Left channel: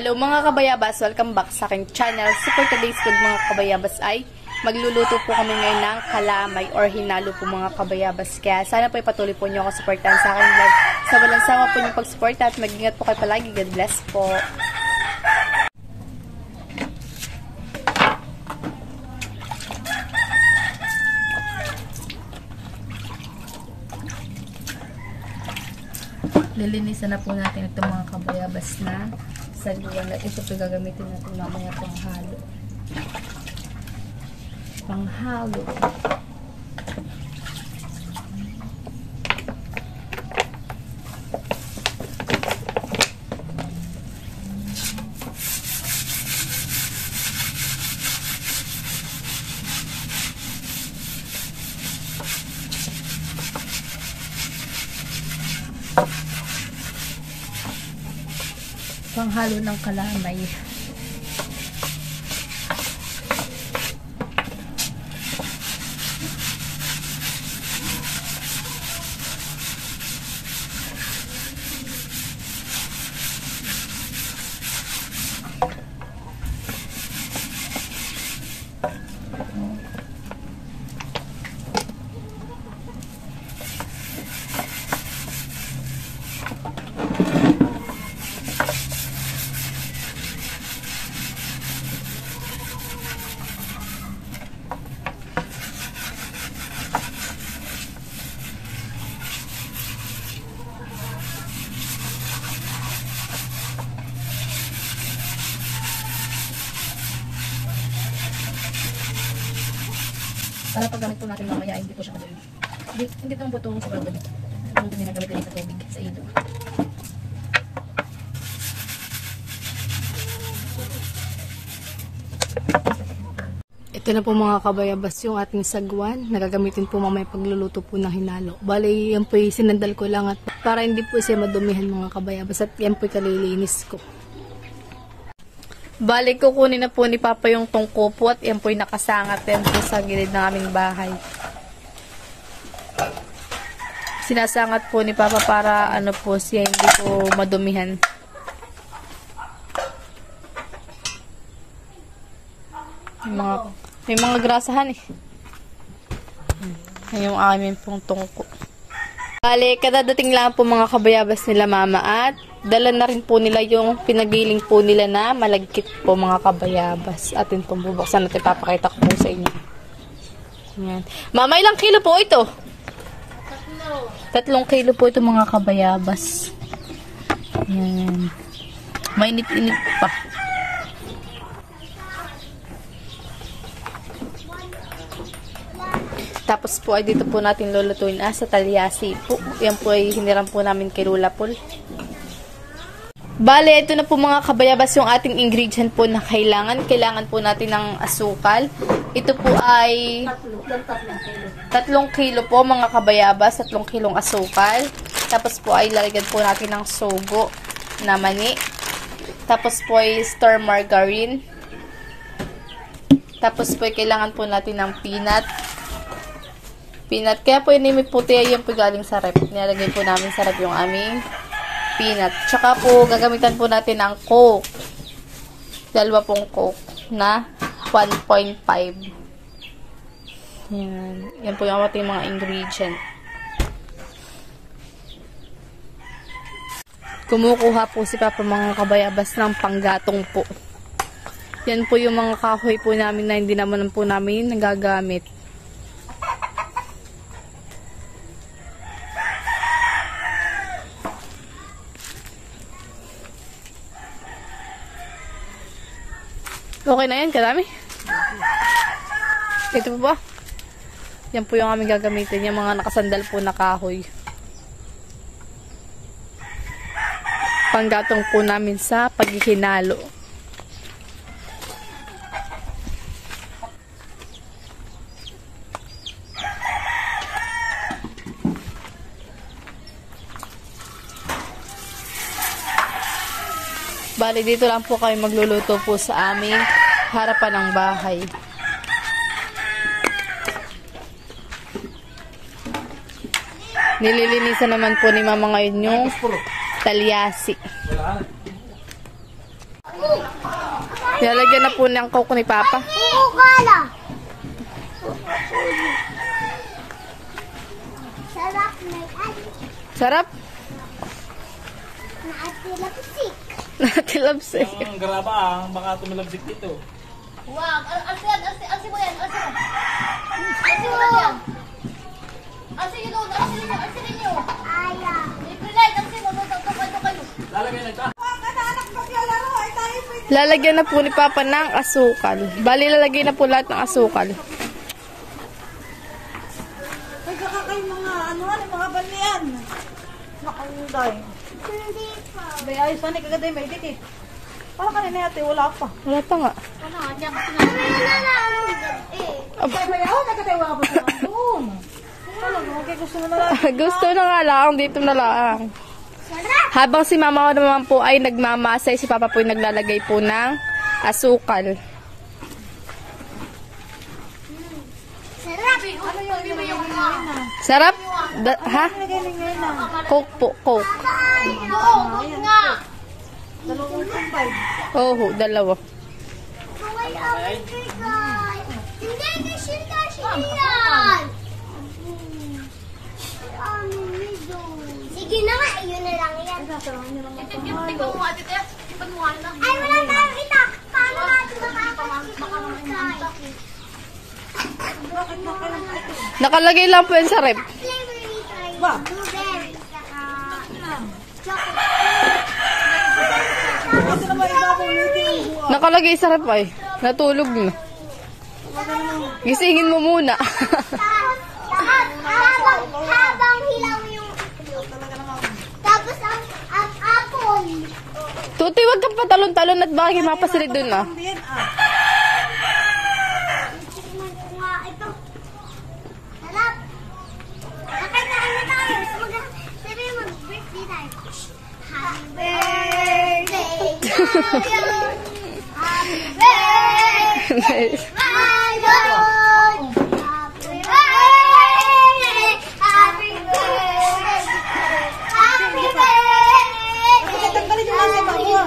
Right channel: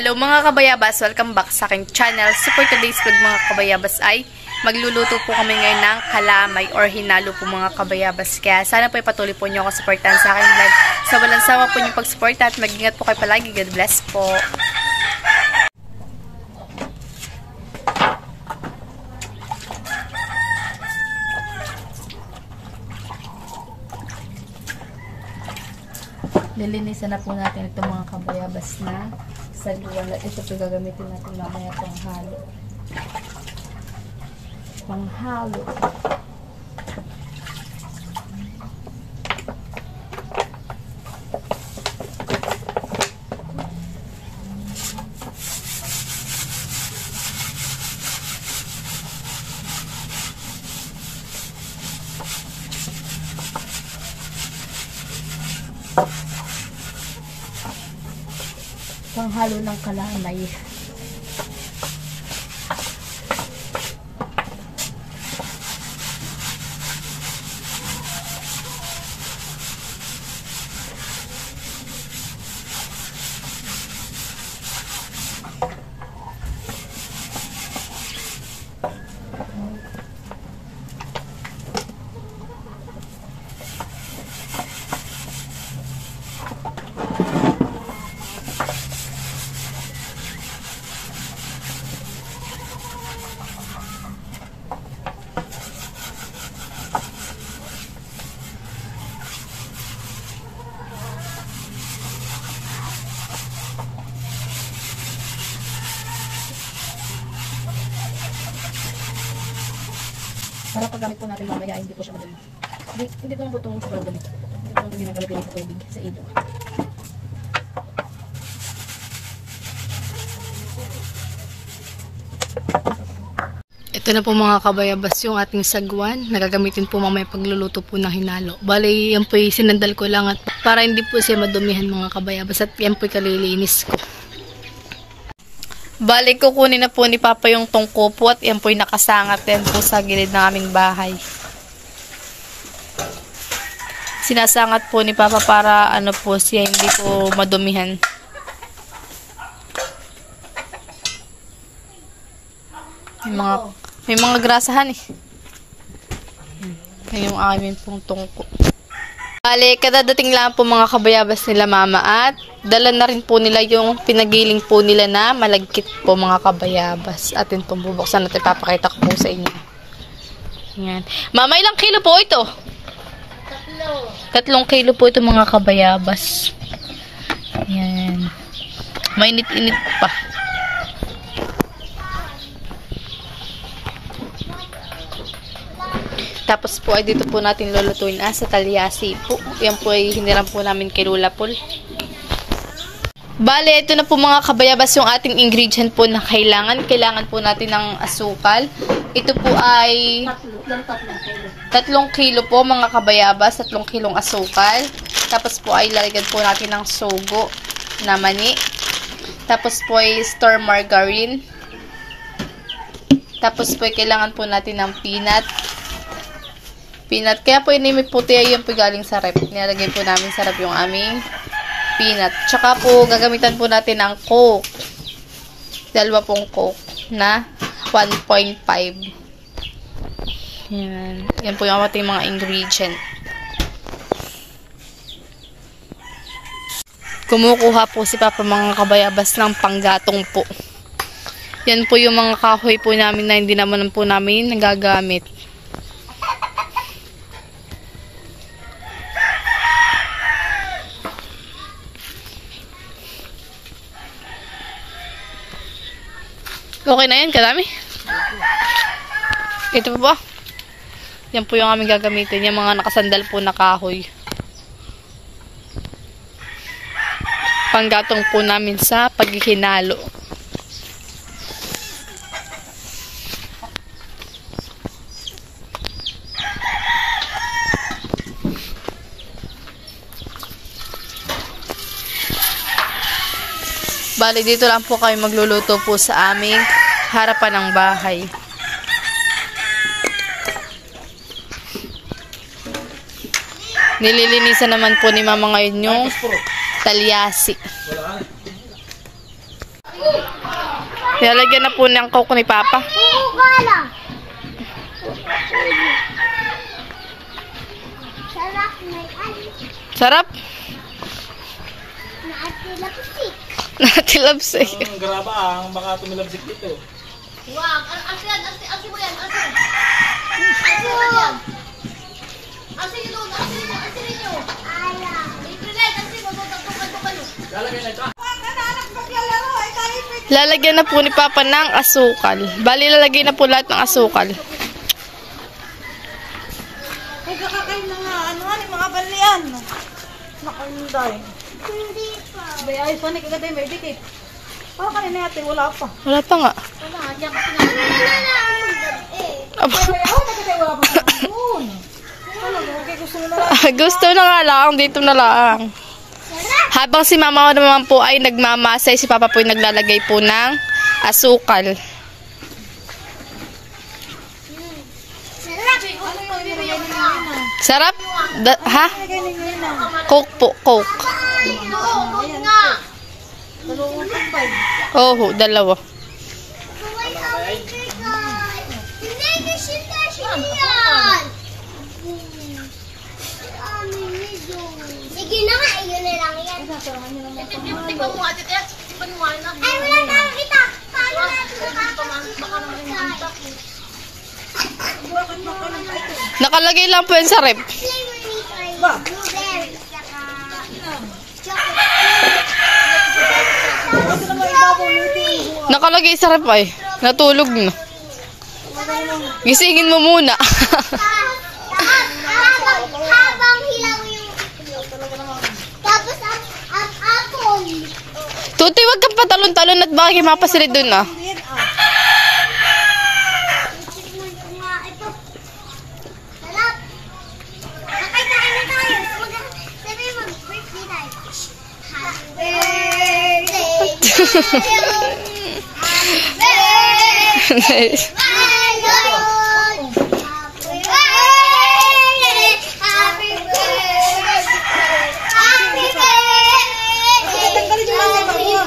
Hello mga kabayabas! Welcome back sa aking channel. So for today's vlog mga kabayabas ay magluluto po kami ngayon ng kalamay or hinalo po mga kabayabas. Kaya sana po ipatuloy po nyo ako supportan sa aking vlog. Sa walang sawa po nyo pag-support at mag-ingat po kayo palagi. God bless po! Lilinisan na po natin itong mga kabayabas na sagwan. Ito po gagamitin natin mamaya panghalo. Panghalo. Panghalo ng kalamay. Para paggamit po natin mamaya, hindi po siya madumi. Hindi naman po ito sobrang dumi. Ito po ginagamit din sa tubig, sa ilo. Ito na po mga kabayabas yung ating sagwan. Nagagamitin po mamaya pagluluto po ng hinalo. Bali, yan po yung sinandal ko lang at para hindi po siya madumihan mga kabayabas. At yan po yung kalilinis ko. Balik, kukunin na po ni Papa yung tungko po at yan po yung nakasangat yan po sa gilid ng aming bahay. Sinasangat po ni Papa para ano po siya hindi po madumihan. May mga grasahan eh. Yan yung aming pong tungko. Bale, kadadating lang po mga kabayabas nila Mama at dala na rin po nila yung pinagiling po nila na malagkit po mga kabayabas. Atin pong bubuksan at ipapakita ko po sa inyo. Yan. Mama, ilang kilo po ito? 3 kilo po ito mga kabayabas. Yan. Mainit-init pa. Tapos po ay dito po natin lulutuin sa talyasi po. Yan po ay hiniram po namin kay Lola Paul. Bale, ito na po mga kabayabas yung ating ingredient po na kailangan. Kailangan po natin ng asukal. Ito po ay 3 kilo po mga kabayabas. 3 kilong asukal. Tapos po ay lalagyan po natin ng sugo na mani. Tapos po ay store margarine. Tapos po ay kailangan po natin ng peanut. Kaya po yung puti ay yung galing sa rep. Nilalagay po namin sa rep yung aming peanut. Tsaka po gagamitan po natin ng Coke. 2 pong Coke na 1.5. Yan. Yan po yung ating mga ingredient. Kumukuha po si Papa mga kabayabas ng panggatong po. Yan po yung mga kahoy po namin na hindi naman po namin nagagamit. Okay na yan, kadami. Ito po ba? Yan po yung aming gagamitin. Yung mga nakasandal po na kahoy. Panggatong po namin sa paghihinalo. Bali, dito lang po kami magluluto po sa aming harapan ng bahay. Nililinisan naman po ni Mama ngayon yung talyasi. Nilalagyan na po ng coke ni Papa. Coca-Cola. Sarap na yan. Sarap. Naatilapsik. Natilabsik. Ang garabang, baka tumilabsik dito. Wow, alsi mo yan. Alsi mo yan. Alsi nyo. Ala. Libre light, alsi mo. Tukalo. Lalagay na ito. Lalagyan na po ni Papa ng asukal. Bali, lalagay na po lahat ng asukal. Ay, kakakain mga mga balian. Nakanday. Hindi pa. Bay, ay, saan kagaday may dikit. Parang kanina yate, wala pa. Wala pa nga. Ano nga, diyan kasi nga. Wala na ang gabi. Aba. Ay, ako nagkatay, wala pa sa doon. Ano, okay, gusto mo na lang. Gusto na nga lang. Dito na lang. Habang si Mama naman po ay nagmamasay, si Papa po ay naglalagay po ng asukal. Sarap. Ano yung bibigyan mo? Sarap? Ha? Coke po, Coke. Nga. Dalawang tambay. Oo, dalawa. Kaway away kay. Hindi, kasi yan. Sige na nga, yun na lang yan. Tikman mo ate, tikman mo na. Ay, wala tayong kita. Paano natin makakasal? Nakalagay lang po yan sa rep. Flavor ni try. Ba? Blueberry. Saka chocolate. Ito naman ibabaw nito yung buwan. Nakalagay sa rep ay. Natulog na. Gisingin mo muna. Habang hilaw yung tapos ang apple. Tutoy, wag kang patalon-talon at baka mapasilid dun ah. Hindi yan, ah. Tikman ko nga ito. Sarap. Okay, kain na tayo. Sabi mag-birthday tayo. Happy birthday to you. Happy birthday, my Lord. Happy birthday. Happy birthday. Happy birthday to you.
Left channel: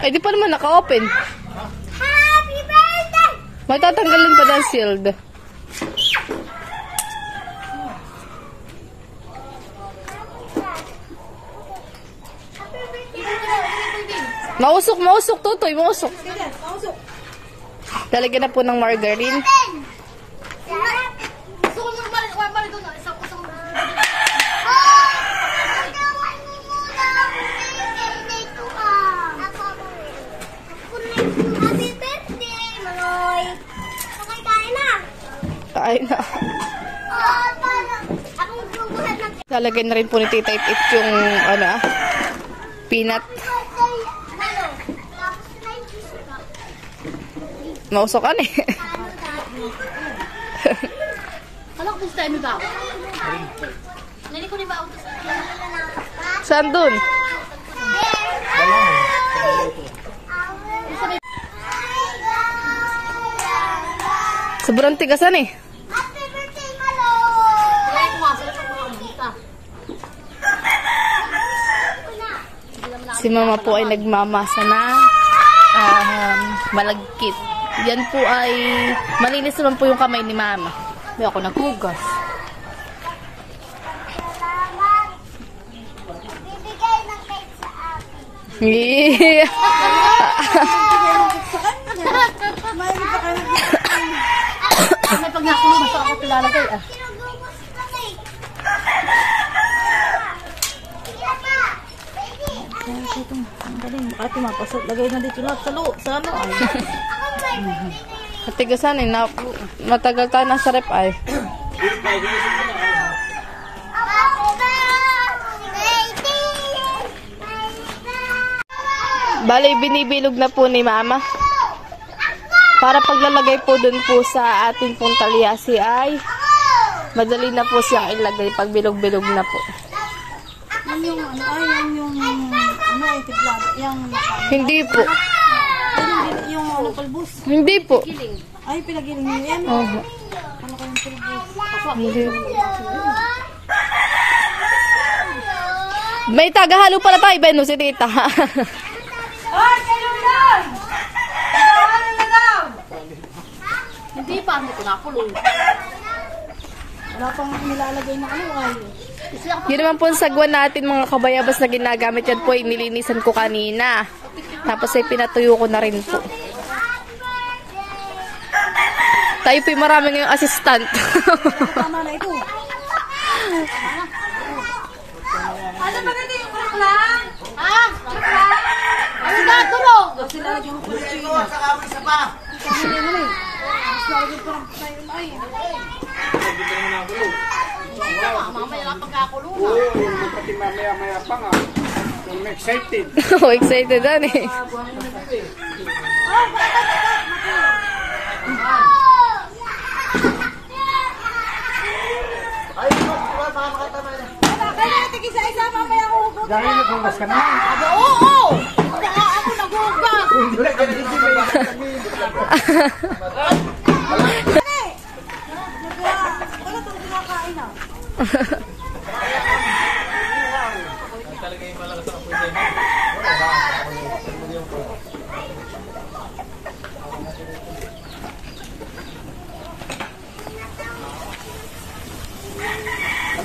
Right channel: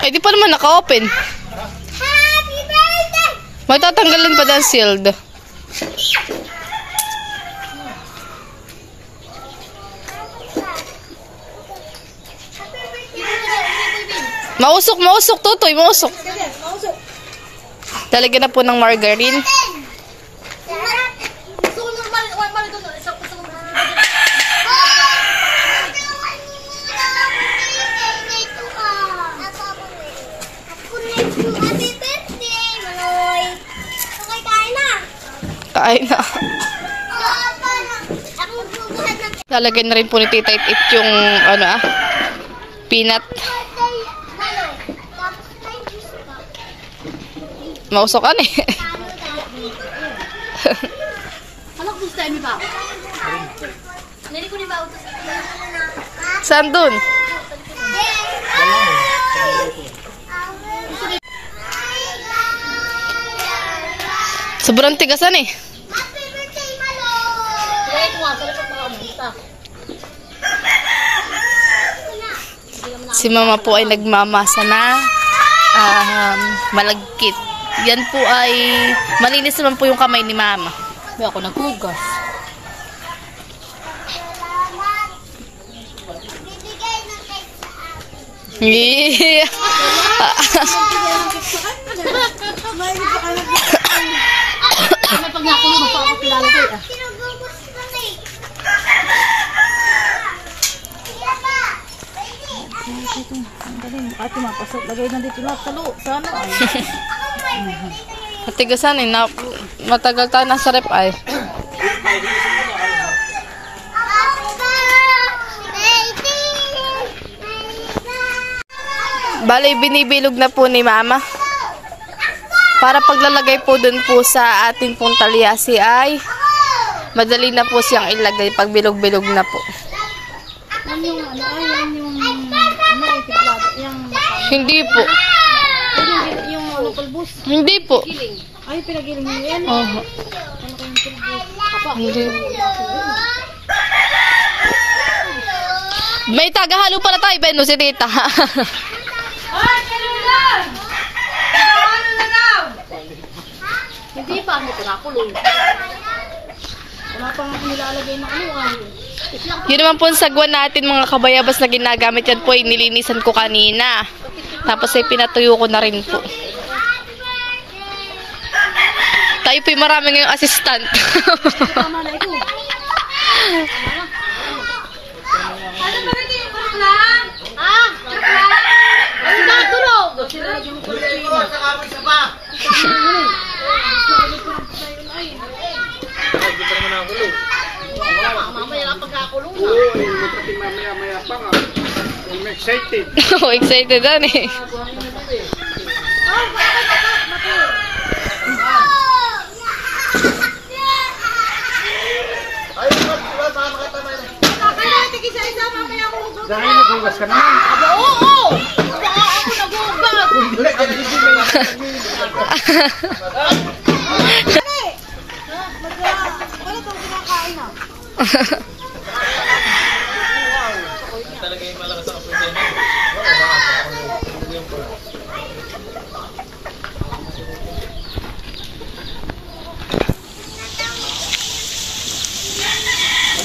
Ay, di pa naman naka-open. Happy birthday! Magtatanggalan pa ng shield. Mausok, Tutoy, mausok. Ganyan, mausok. Lalagyan na po ng margarine. Gusto ko nung mali doon. Isang gusto ko nung Happy birthday, Maloy! Okay, kain na! Kain na. Ako magbubuhat ng Lalagyan na rin po ni Tita It yung, peanut. birthday, Maloy. Tapos na yung juice ka. Mausokan eh. Ano dati? Ano ko gusto tayo, ba? Nani ko ni ba utos? Saan dun? Sobrang tigasan eh. Happy birthday, Maloy! Kaya ko nga, sa lapat mga umuta. Si Mama po ay nagmamasa na malagkit. Yan po ay malinis naman po yung kamay ni Mama. May ako naghugas. Salamat! Bibigay ng cake sa akin. Yeah. May pag nakuha, basta ako pilalagay ah. Sinugubos ko na eh. Sila pa! Baby! Ate, mapasok. Lagay na dito lahat sa loob. Sa ano ay. Ako may birthday kayo. Matigasan eh. Matagal tayo nasa rep ay. Happy birthday to you. Bali, binibilog na po ni Mama. Para paglalagay po dun po sa atin pong talyasi ay madali na po siyang ilagay pag bilog-bilog na po. Yan yung ano, yan yung tiplado, yung Hindi po. yung ano, pulbos. Hindi po. Ay, pinagiling mo yan. Oho. Ano kayong pulbos? Hindi. May tagahalo pala tayo, Beno, si tita. Ay, kalong lang! Ano na daw? Hindi pa, ano pinakulong. Wala pang nilalagay na ano ay. Yun naman po ang sagwan natin mga kabayabas na ginagamit yan po ay nilinisan ko kanina. Tapos ay pinatuyo ko na rin po. Tayo po yung marami ngayong assistant. Tama na ito. Ano ba ganito yung bulak lang? Ah, check lang. Ano ba, tulog? Mamaya lang pagkakulong. Mamaya pa nga. I'm excited. Oh, excited dan eh. Kaya natin isa-isa, mamaya ako hugot. Dahil naghugas ka naman. Oo! Baka ako naghugas. Ano itong kinakain na? Talaga yung malakas ang apoy dyan.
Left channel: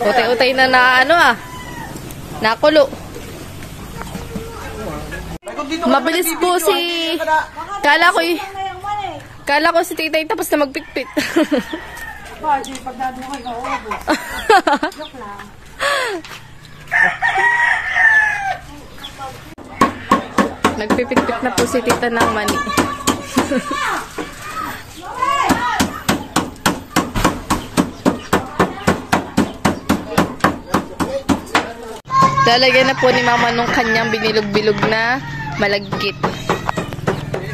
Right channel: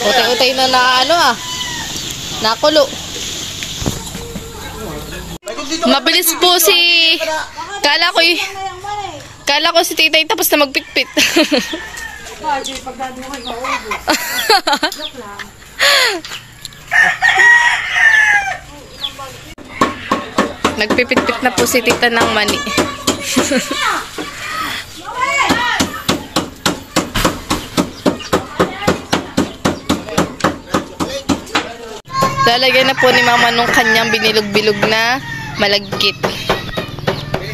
Utay-utay na ano nakulo. Mabilis po si... Kala ko si titay tapos na magpitpit. Bakit yung pagdado mo kayo mauubos? Joke lang. Nagpipitpit na po si tita ng mani. Lalagyan na po ni mama nung kanyang binilog-bilog na malagkit.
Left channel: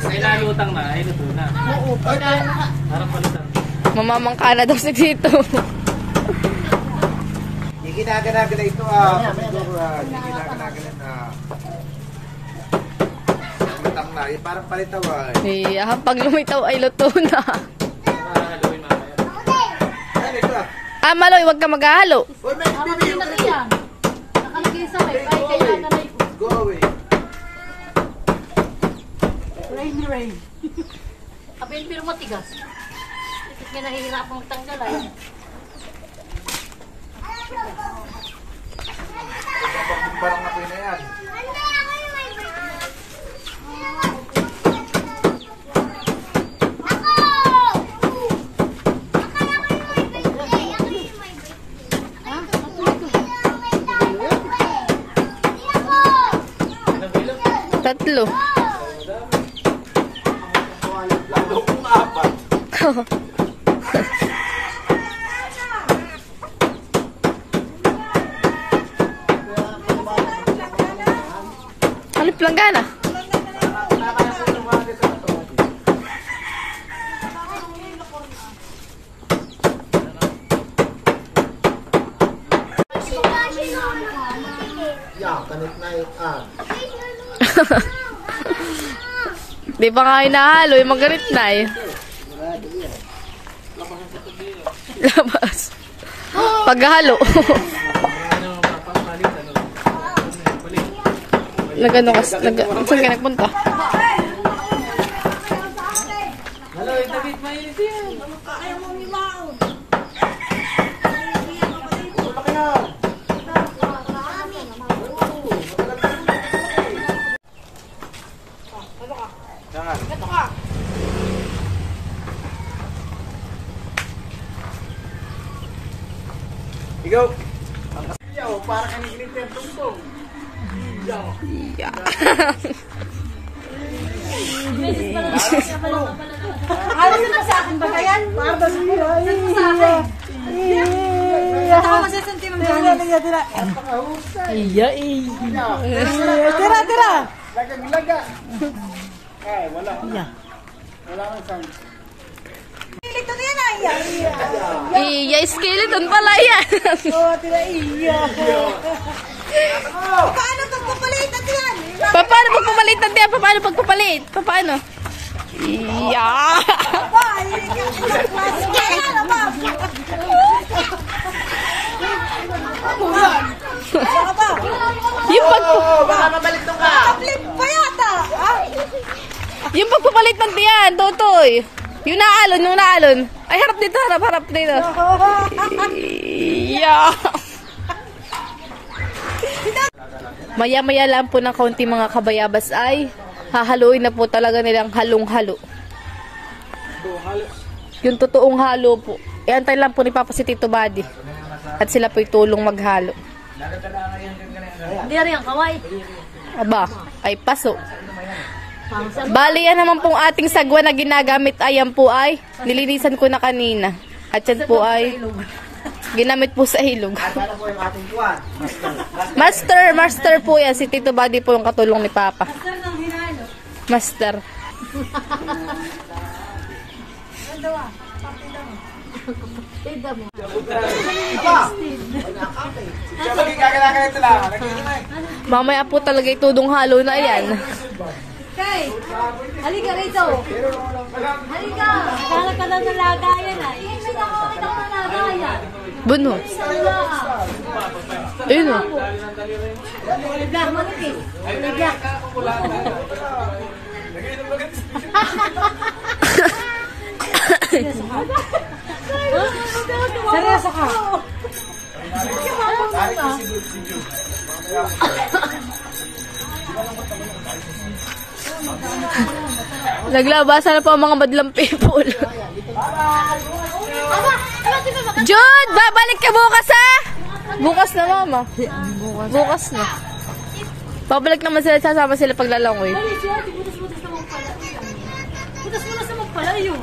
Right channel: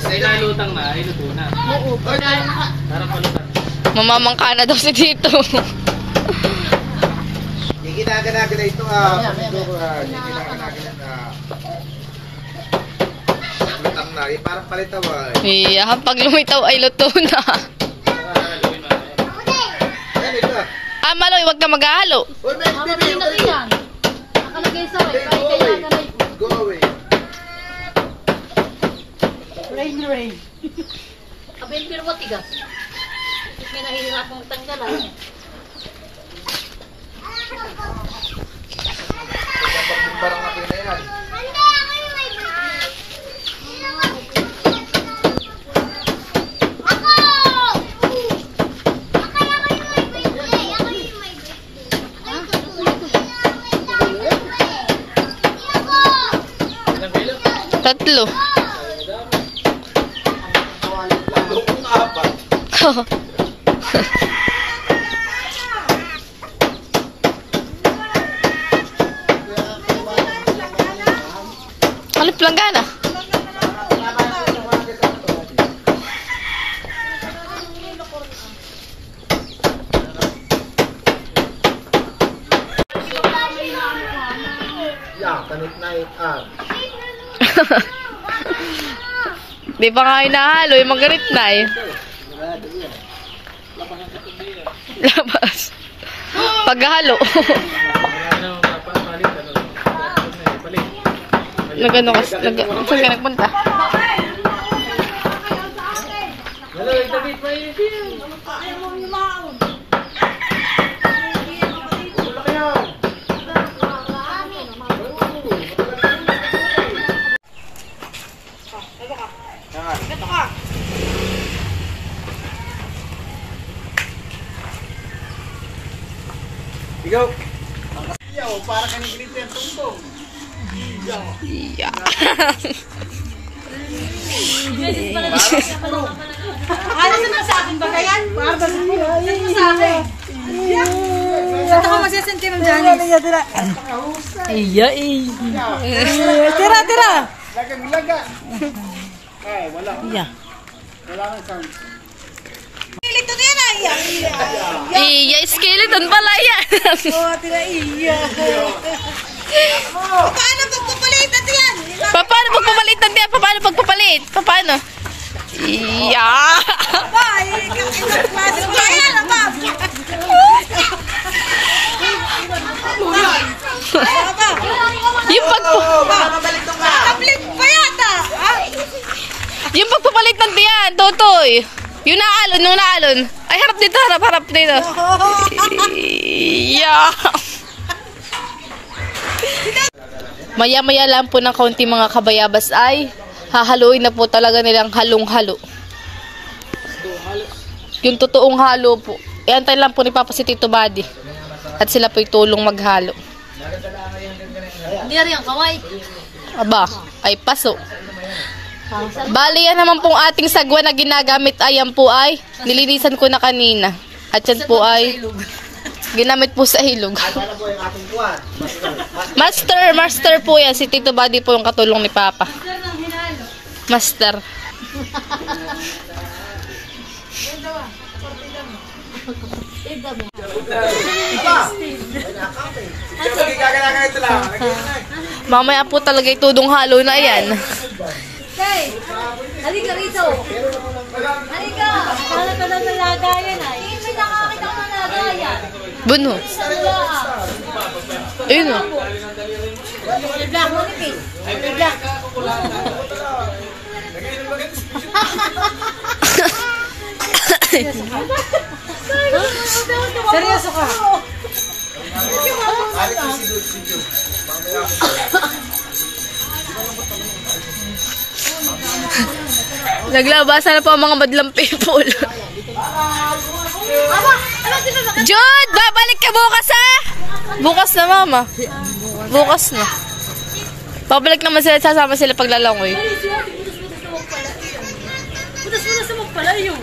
Ay, nalutang na. Ay, luto na. Oo, Parang malutang. Mamamangka na daw si tito. Hindi ginaganagan na ito. Hindi ginaganagan na. Lutang na. Parang palitawan. Iya, pag lumitaw ay luto na. Nakakaluin na. Ano ito? Maloy, wag ka maghahalo. Uy, may baby. na rin yan. Nakalagay sa akin, kahit kaya na rin. Go away. Rain. Abel, pero matigas. May nahihirap ang tanggalan. Parang apoy na yan. Tatlo. Lalo kung apat. Kalip lang gana. Yeah, kanit na it. Di ba nga hinahalo, yung magarit na eh. Labas. Paghalo. Nagano ka, saan ka nagpunta? Ikaw. Yaw, para kanikinig yan tumbong. Yeah. Ano na sa akin ba yan? Para ba sa akin? Saan ako masasenti mo dyan? Iya Tira. Lagang laga. Ay, wala. Iya. Skeleton yan ay. Iya, skeleton pala yan. Oh, tira iya. Paano pagpapalitan yan? Paano pagpapalit ng tiyan? Paano pagpapalit? Paano? Iya. Aba, ibang klase ka yan, aba. Aba, Yung nakablit pa yata. Ay, yung pagpapalit ng tiyan, Totoy. Yung naalon. Ay, harap dito. Iya. Maya-maya lang po ng kaunti mga kabayabas ay hahaluin na po talaga nilang halong-halo. Yung totoong halo po. Iantay lang po ni Papa si Tito Buddy. At sila po'y tulong maghalo. Hindi na rin ang kaway. Aba, ay paso. Bali yan naman pong ating sagwa na ginagamit ay yan po ay nilinisan ko na kanina. At yan po ay ginamit po sa ilog. Master po yan. Si Tito Buddy po yung katulong ni Papa. Master. Mamaya po talaga itudong halo na yan. Tay, halika rito. Halika. Kala ka na nalagayan ay. Hindi na kami na nalagayan. Buno. Ayun o. May black mo nipis. May black. seryoso ka. Naglabasan na po ang mga madlang people. Jude, babalik ka bukas ha? Bukas na mama. Bukas na. Babalik naman sila, sasama sila paglalangoy. Butas mo na sa magpalayo.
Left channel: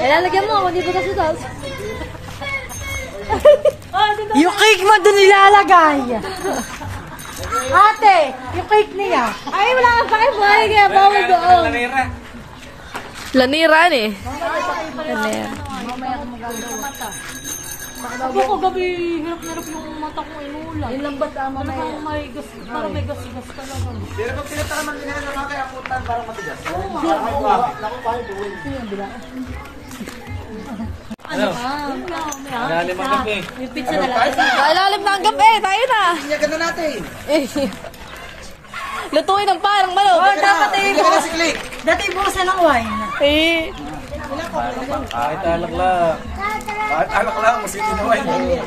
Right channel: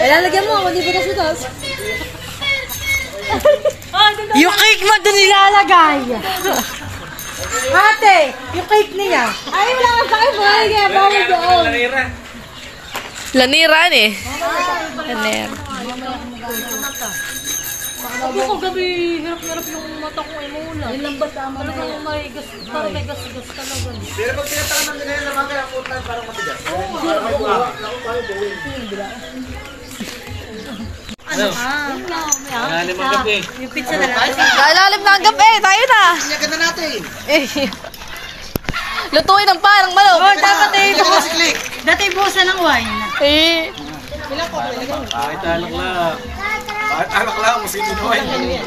Lalagyan mo, hindi butas-butas. Ah, Yung cake mo din nilalagay. Ate, yung cake niya. ay, wala ka sa akin. Buhay kaya bawal doon. Laniran eh. Lanir. Ako ko gabi, hirap-hirap yung mata ko ay mula. Yung lambat tama na yan. Parang may gas-gas ka na ganun. Pero pag pinataman nila yan naman kaya putan parang matigas. Ano ka? May Lalim hangin ang ka. gabi. Yung pizza na lang. Kailalim na ang gabi, tayo na. Sinyagan na natin. Lutuin ng parang manok. Oh, dapat eh. Hindi ka na si Click. Dati buhusan ng wine. Eh, Kahit alak lang. Kahit anak lang, masito na wine.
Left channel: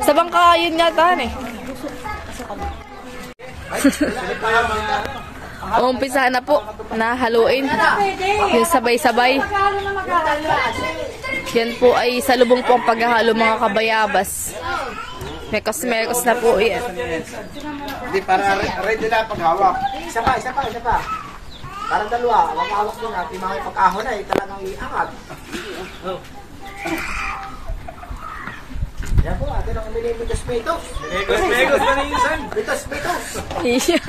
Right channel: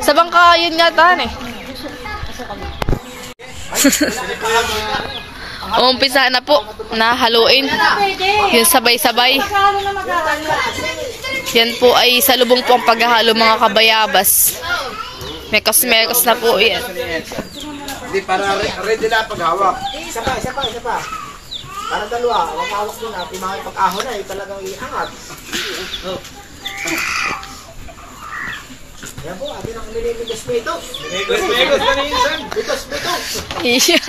sa bangka yun yata eh. Umpisa na po na haluin. Yung sabay-sabay. Yan po ay salubong po ang paghahalo mga kabayabas. Mekos-mekos na po yan. Hindi, para ready na paghawak. Isa pa. Para dalawa, wag hawak din natin mga pag-ahon na, talagang iangat. Yan po, atin ang minimigas-mitos. Megos na minsan. Mitos. Iya.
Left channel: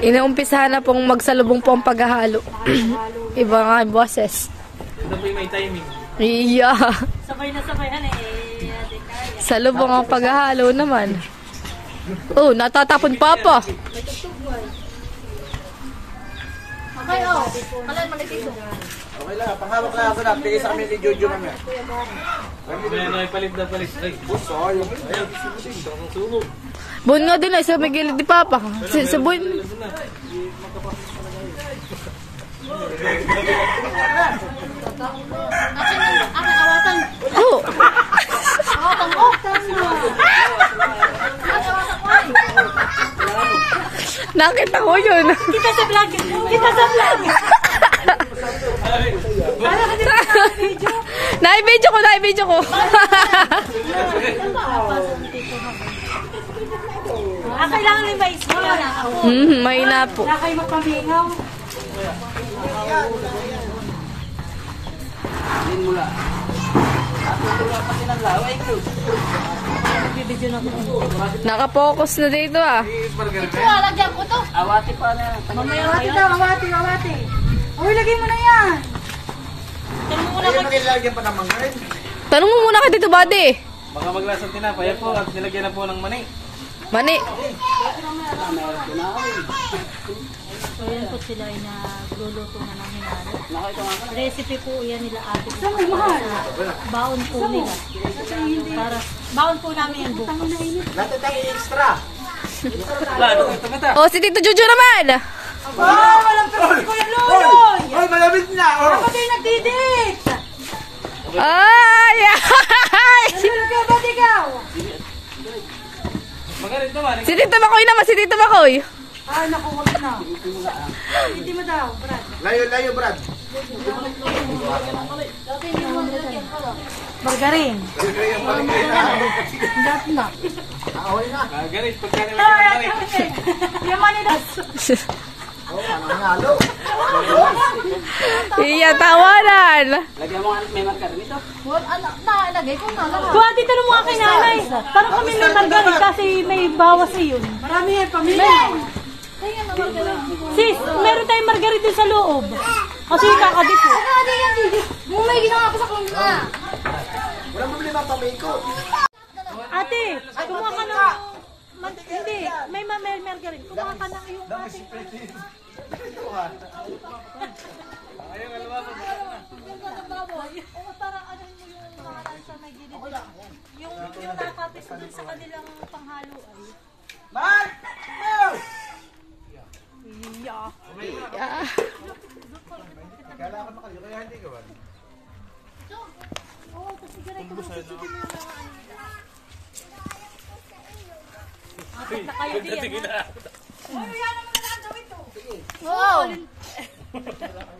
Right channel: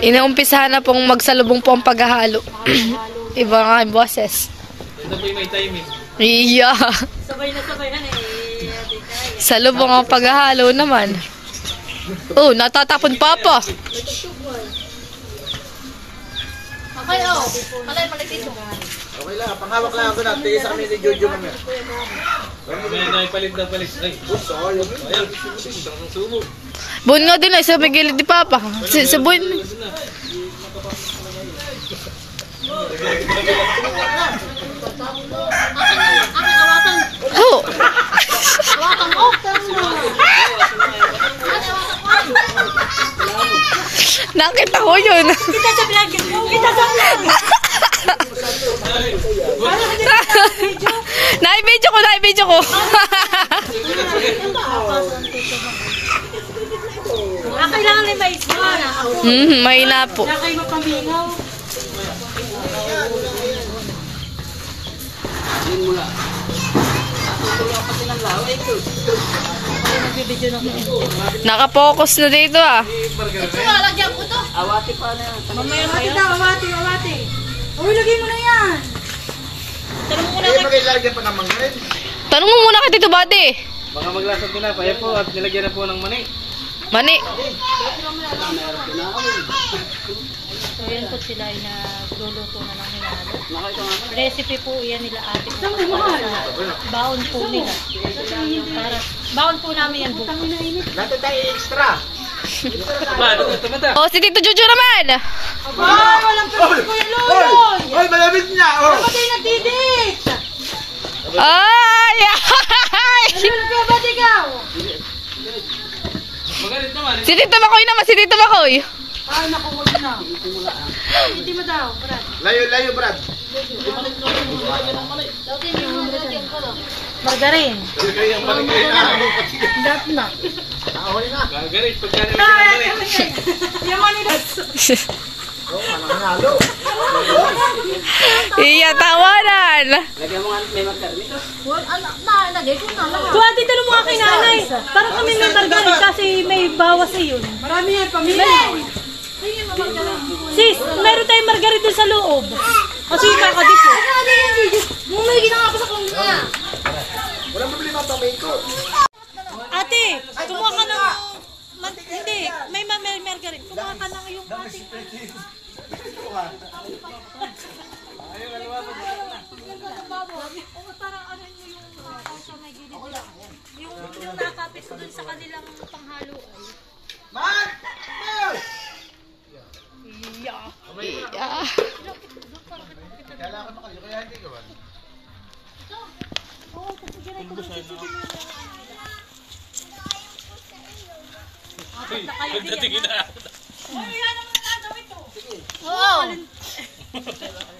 Inaumpisahan na pong magsalubong po ang paghahalo. Iba nga yung boses. Ito po yung may timing. Iya. Sabay na sabay na eh. Salubong ang paghahalo naman. Oh, natatapon Papa. Okay, oh. Alay, malitin. Okay lang, panghawak lang ako natin. Tigil sa kami ni Jojo mamaya. Mamaya na ipalit na palit. Ay, Sayang. ayan. Ang sumo. Bun nga din ay sa may gilid ni Papa. Si Bun. Aking awatan. Ho. Awatan ko. Nakita ko yun. Kita sa vlog. Kita sa vlog. Naibidyo ko. Kailangan may mais mo. May na po. Wala kayo mapamingaw. nagbibideo na ko. Nakapokus na dito ah. Awati daw, awati. Uy, lagay mo na yan. Eh, maglalagyan pa ng mangga rin. Tanong mo muna kay Tito Buddy. Baka maglasang tinapay po at nilagyan na po ng mani. Mani. So yun po sila ay nagluluto na ng hinalo. Recipe po yan nila ate. Sa baon po nila. Para baon po namin yan bukas. Natin tayo extra. Ba, ito mata. Oh, si Tito Jojo naman. Ay, walang pwede ko yung luloy. Hoy, malapit na. Oh. Pati nagdidit. Ay! Ano ka ba, ikaw? Magalit naman. Si Tito Makoy naman, si Tito Makoy. Ay, naku, wag na. Hindi mo daw, Brad. Layo, Brad. Margarine. Talaga yung maligay na. Dat na. Ahoy na. Magalit, pagka nilagyan ng mani. Yung manilas. Oh, anong halo. Iya, tawanan. So ate, tanong mo nga kay nanay. Parang kami may margarine kasi may bawas na yun. Marami yan, pamilya. Sis, meron tayong margarine din sa loob. Kasi kakadip po. Mumay, ginawa ko sa kanya. Walang problema ang pamikot. Ate, kumuha ka ng... Hindi, may margarine. Kumuha ka ng yung ate. Yung nakapit ko dun sa kanilang panghalo. Man! Mel! Iya. Kala ko makaliyo, kaya hindi ka ba? Oo, kasi ganito lang sisipin mo yung apat na kayo diyan. Uy, yan naman na lang gawin to. Oo.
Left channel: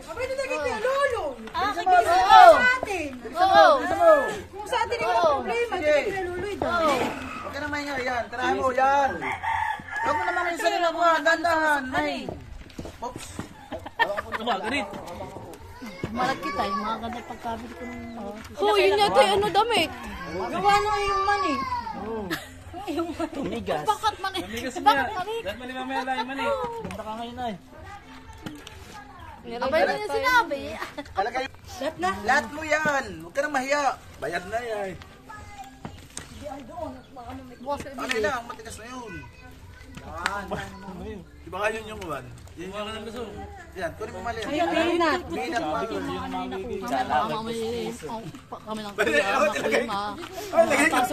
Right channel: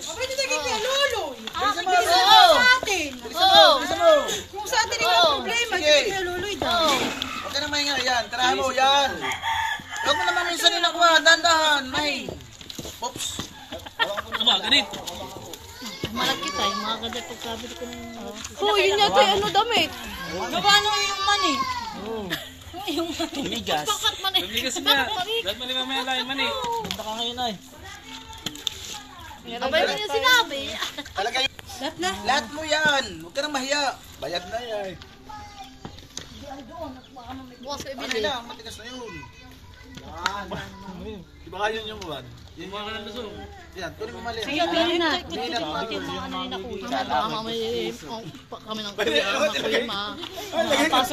Abay, ito naging kaya luloy. Ah, Bisa mo sa atin. Bilisan mo! Kung sa atin yung problema, ito Sige. kaya luloy daw. Huwag ka na mahinga, yan. Tirahan mo, yan. Huwag mo naman minsan nila kuha, dandahan, may. Oops. Aba, ganit. Malaki tayo, mga ganda pagkabit ko ng... Oh, yun yata yung ano damit. Gawa nung yung mani. Bakit man eh? Lumigas na. Dahil mali mamaya lain mani. Abay mo yung sinabi. Talaga yun. Lahat na. Lahat mo yan. Huwag ka na mahiya. Bayad na yan. Ano yun lang, matigas na yun. Yan. Di ba yun yung kuwan? Yun yung... Yan, kunin mo mali. Kaya peanut. Peanut butter. Kami ng Pwede, ako talaga yun. Ay, lagay ka.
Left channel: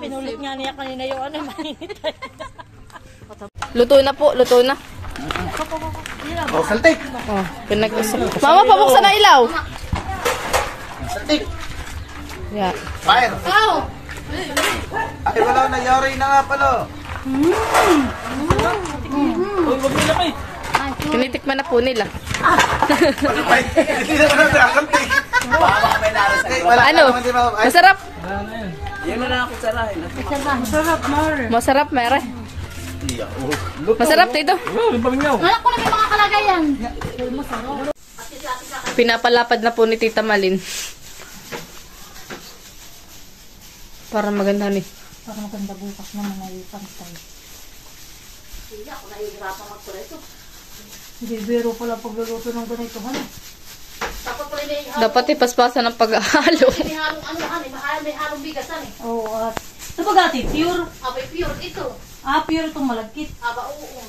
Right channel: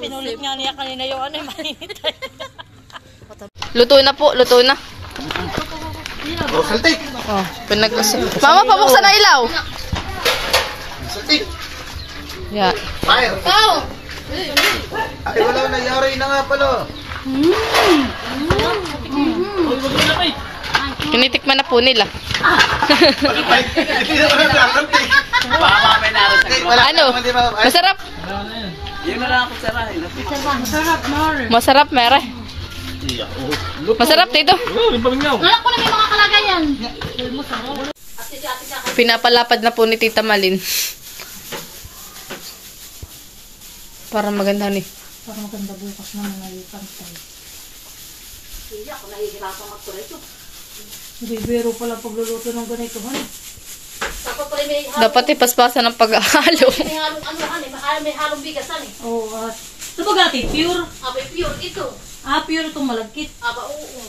pinulit nga niya kanina yung ano, mainit. Luto na po, luto na. Oh, saltik. Oh, pinag-usap. Mama, pabuksan na ilaw. Saltik. Yan. Fire. Ay, wala na. Yari na nga pala. Huwag mo lapay. Kinitikman na po nila. Ay, hindi na wala na. Saltik. Wala Ano? Masarap? Masarap, Mar. Masarap, mere. Masarap dito. Oh, yung pamingaw. Alam ko na may mga kalagayan. Pinapalapad na po ni Tita Malin. Para maganda ni. Para maganda bukas naman ay pantay. Hindi, biro pala pagluluto ng ganito. Dapat ipaspasan ng pag-ahalo. May halong bigasan eh. Oo, at... Ito ba gati? Pure? Pure ito. Pure itong malagkit. Oo.